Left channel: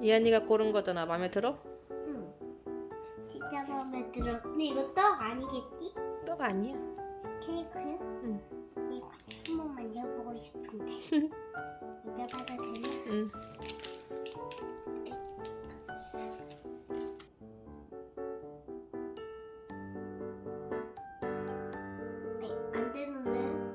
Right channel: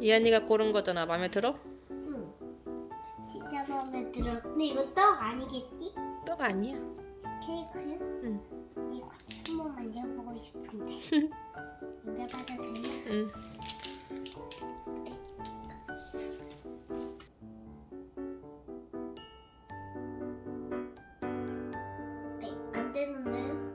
이한이가 고른 거잖아. 마음에 들어? 응. 진짜 마음에 들어. 근데 이거 떡 아니겠지? 떡 아니야. 케이크야? 응. 이거 한번 만져보고 싶은데. 만져봐도 되나? 응. 네, 안 되는데.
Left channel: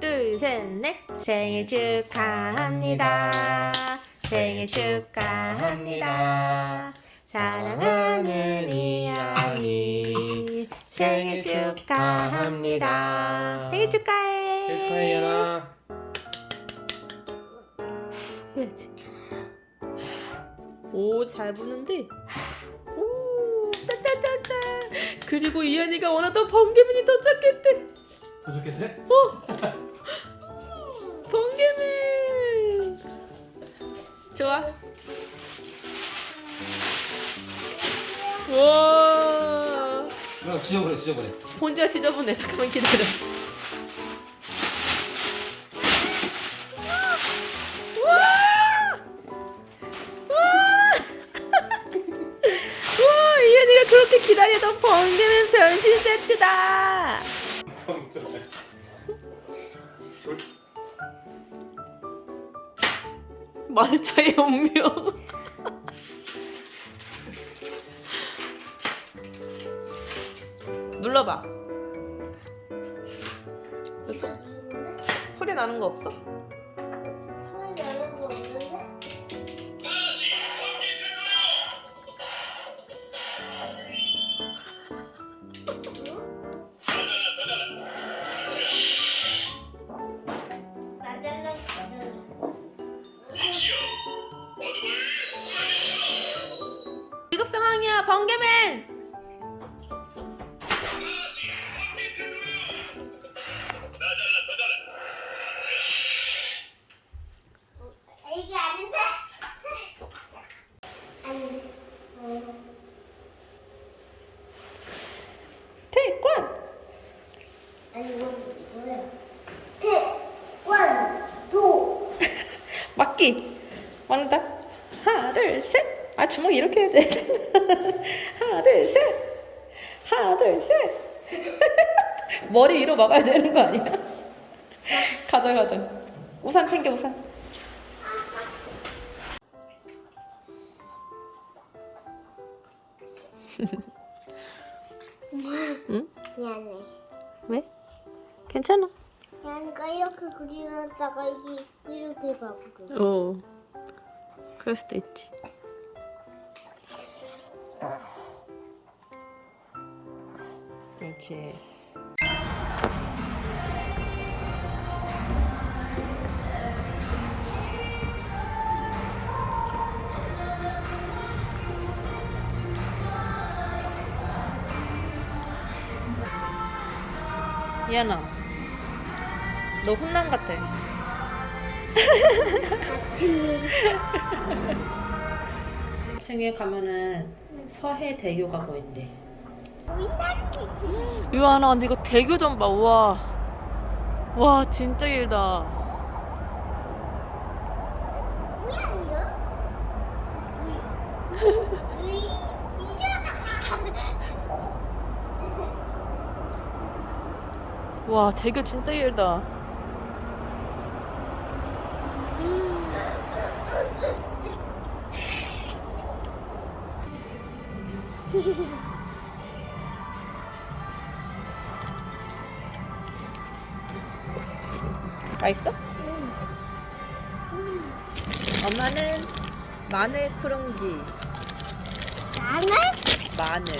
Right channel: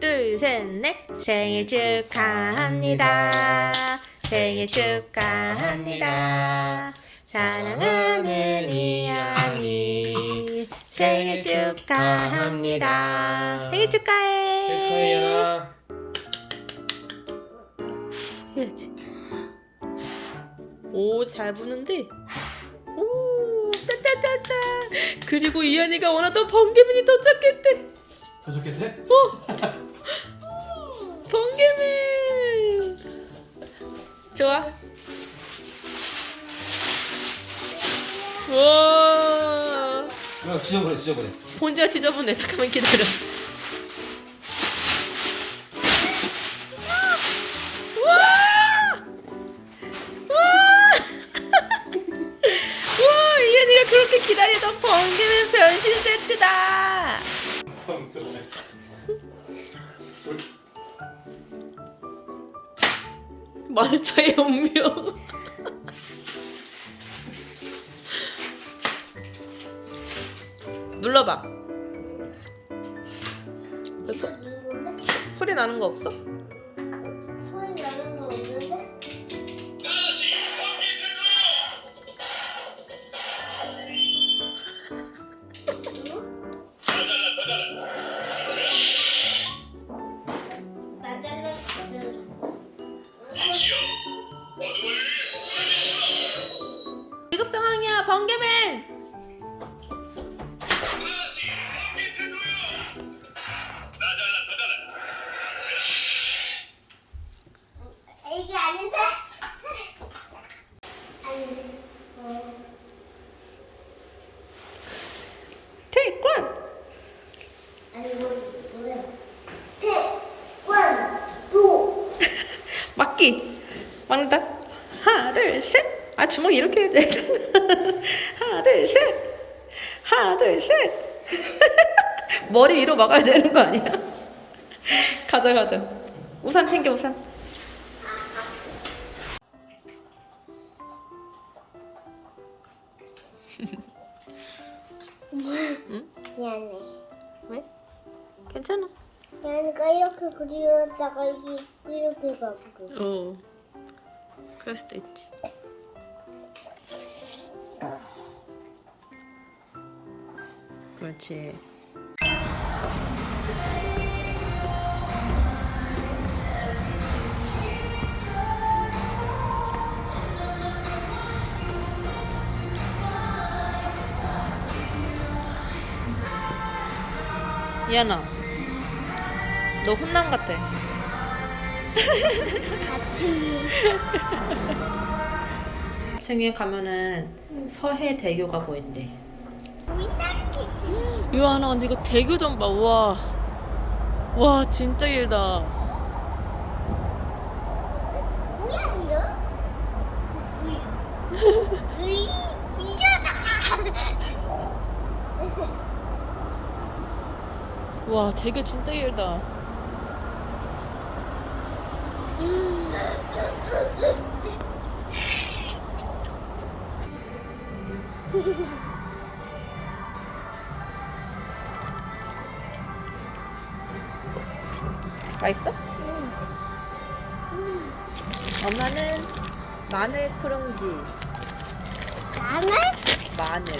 둘, 셋, 넷. 생일 축하합니다. 생일 축하합니다. 사랑하는 이한이 생일 축하합니다. 생일 축하해. 해야지. 오, 잘 부는데. 오, 따따따따. 그리고 이한이가 원하던 번개맨이 도착했대. 더 좋겠대? 번개맨. 좋아. 와. 그럼 지져버려 지져버려. 혼자 지저분해. 잠깐만 기다려. 와! 와! 와, 이현이가 그렇게 기다리던 번개맨 변신 세트다. 손 들어. 마늘차의 운명. 눌러봐. 그 소? 소리 나는 거 없어? 번개맨. 이게 아닌데? 아니, 어. 태권. 아니 이거 노래. 태권도. 막기. 막는다. 하나, 둘, 셋. 아 주먹 이렇게 해야 돼. 하나, 둘, 셋. 하나, 둘, 셋. 머리 위로 막아야 되는 거 아니야? 가자, 가자. 우산 챙겨, 우산. 미안해. 왜? 괜찮아. 미안해가 이렇게 그리려다가 이게 이렇게 가버려. 어. 그럴 수도 있지. 그렇지. 이하나, 너 훈남 같아. 2층에 가면은 서해 대교가 보인대. 유아나 근데 이거 대교 좀 봐. 우와. 와 진짜 길다. 와 대교 진짜 길다. 맛있어? 엄마는 마늘 크룽지. 나는 마늘.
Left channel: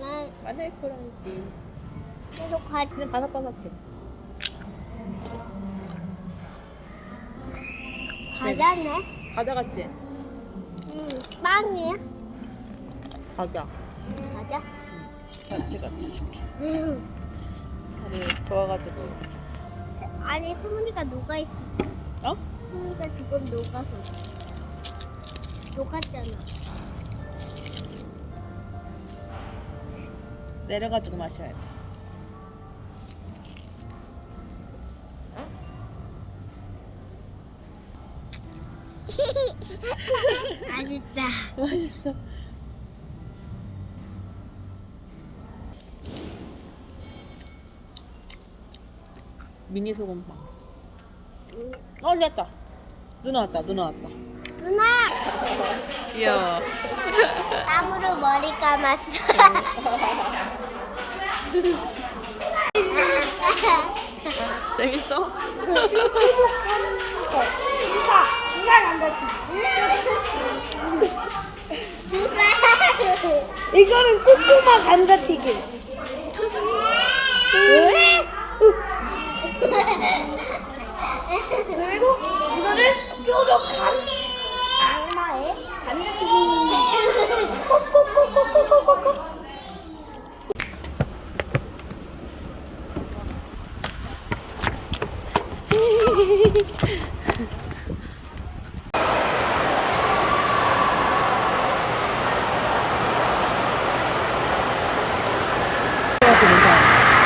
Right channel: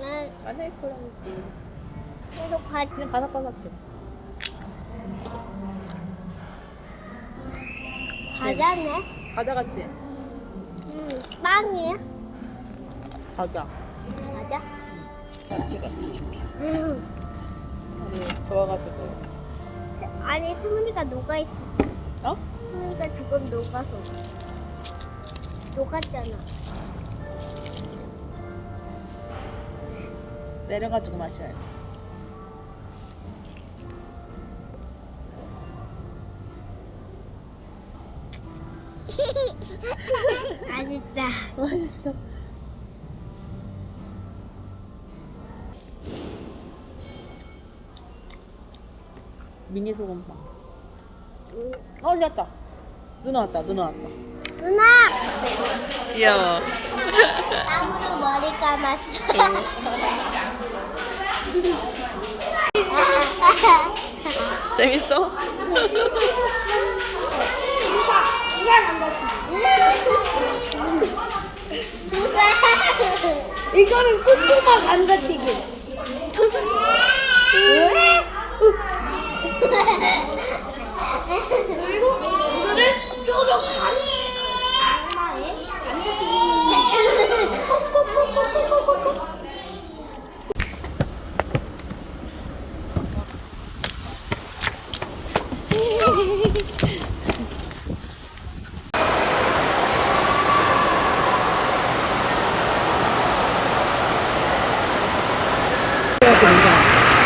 난 마늘 크룽지. 계속 과 그냥 바삭바삭해. 과자네. 과자 같지? 응, 빵이야. 과자. 과자. 응. 우리 좋아가지고. 아니 수문이가 녹아 있어. 어? 수문이가 조금 녹아서. 녹았잖아. 내려가지고 마셔야 돼. 맛있다. 맛있어. 미니 소금빵. 어, 됐다. 누나 왔다, 누나 왔다. 누나 귀여워. 땀으로 머리 감았어. 재밌어? 지사 지사 남자지. 이거는 뚱뚱한 감자튀김. 왜? 그리고 이거는 뾰족한 악마의. 콕콕콕콕콕콕콕.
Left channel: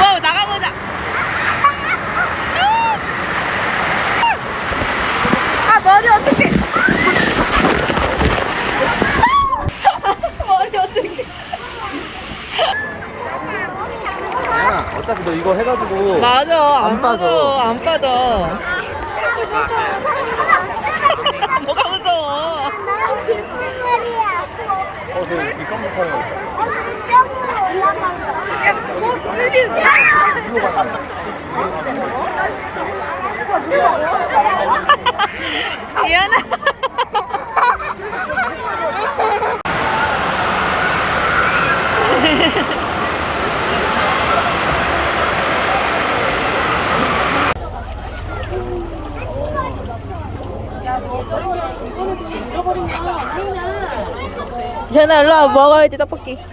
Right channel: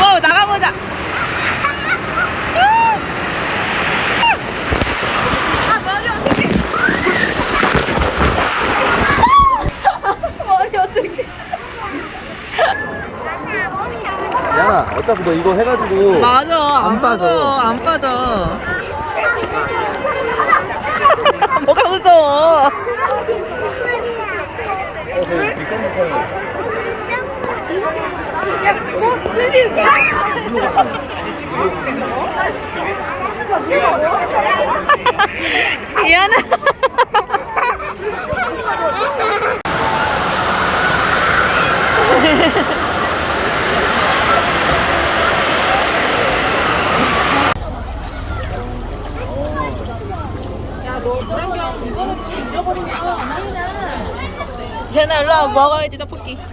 와, 나가보자. 아, 머리 어떡해. 머리 어떡해. 야 어차피 너 이거 해가지고 맞아, 안, 안 빠져. 빠져. 안 빠져. 뭐가 무서워? 어 저기 가면 일로 가면 미안해. 현아 일로 와 먹어야지 떡볶이.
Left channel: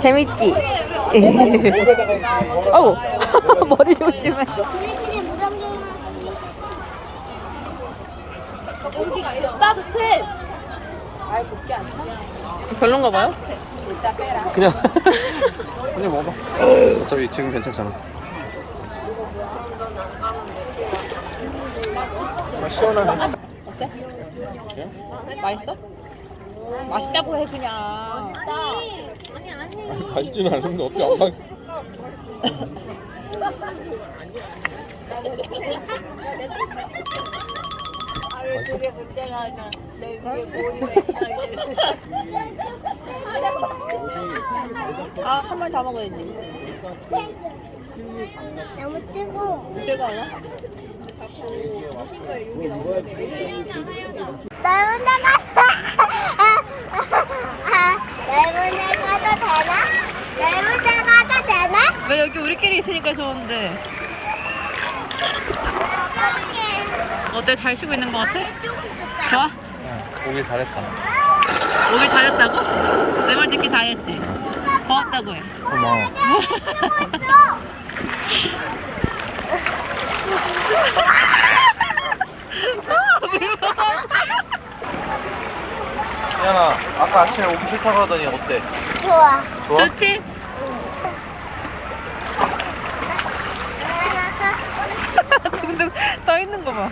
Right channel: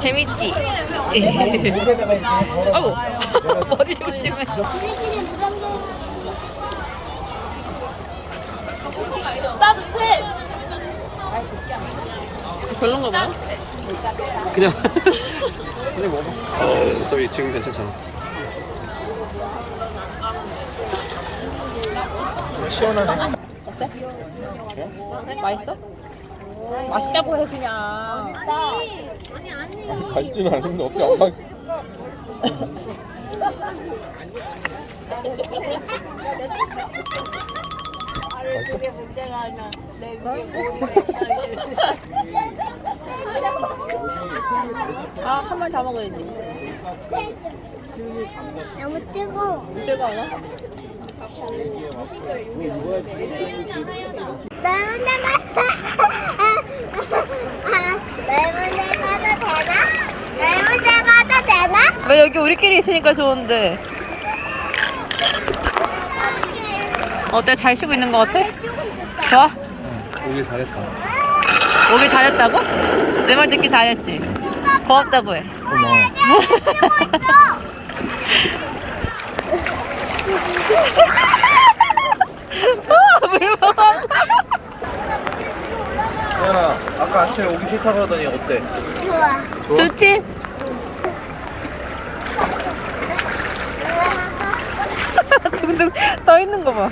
재밌지? 어우 머리 조심해. 별론가 봐요? 그냥. 그냥 먹어. 어차피 지금 괜찮잖아 어때? 맛있어? 맛있다고 해 그냥 가지는 않는데 어떻게 안 가? 아, 한 마리 다 먹어야지. 너무 뜨거워. 때가 나? 나 혼자 가서 혼자 가도 되나? 나 혼자 가도 되나? 왜 여기 우리끼리 있으니까 좋은데? 어때? 잘 쉬고 있는 것 같아? 좋아? 응 오길 잘했다 오길 잘했다고? 내 말 듣기 잘했지? 고맙다고 해. 고마워 아? 혜연아 아까 아침에 오기 싫다고 하더니 어때? 좋아. 좋아? 좋지? 둥둥 떠 있는 거 봐.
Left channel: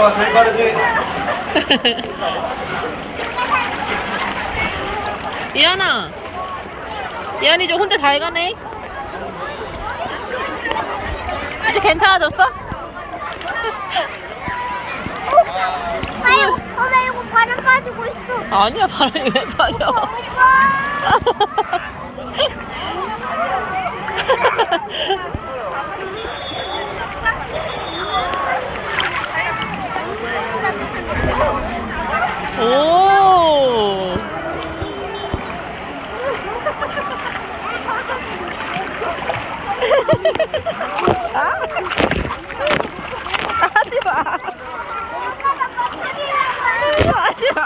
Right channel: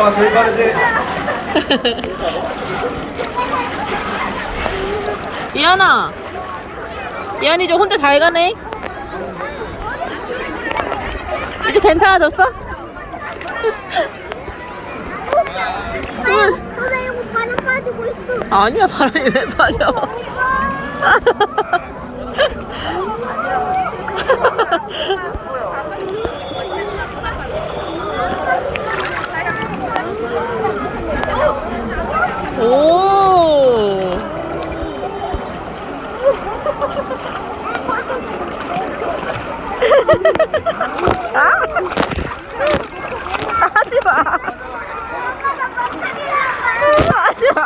아 제일 빠르지? 이한아. 이한이 좀 혼자 잘 가네. 이제 괜찮아졌어? 아유, 어, 나 이거 바람 빠지고 있어. 아니야 바람이 왜 빠져?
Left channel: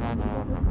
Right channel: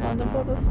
Hadi babası.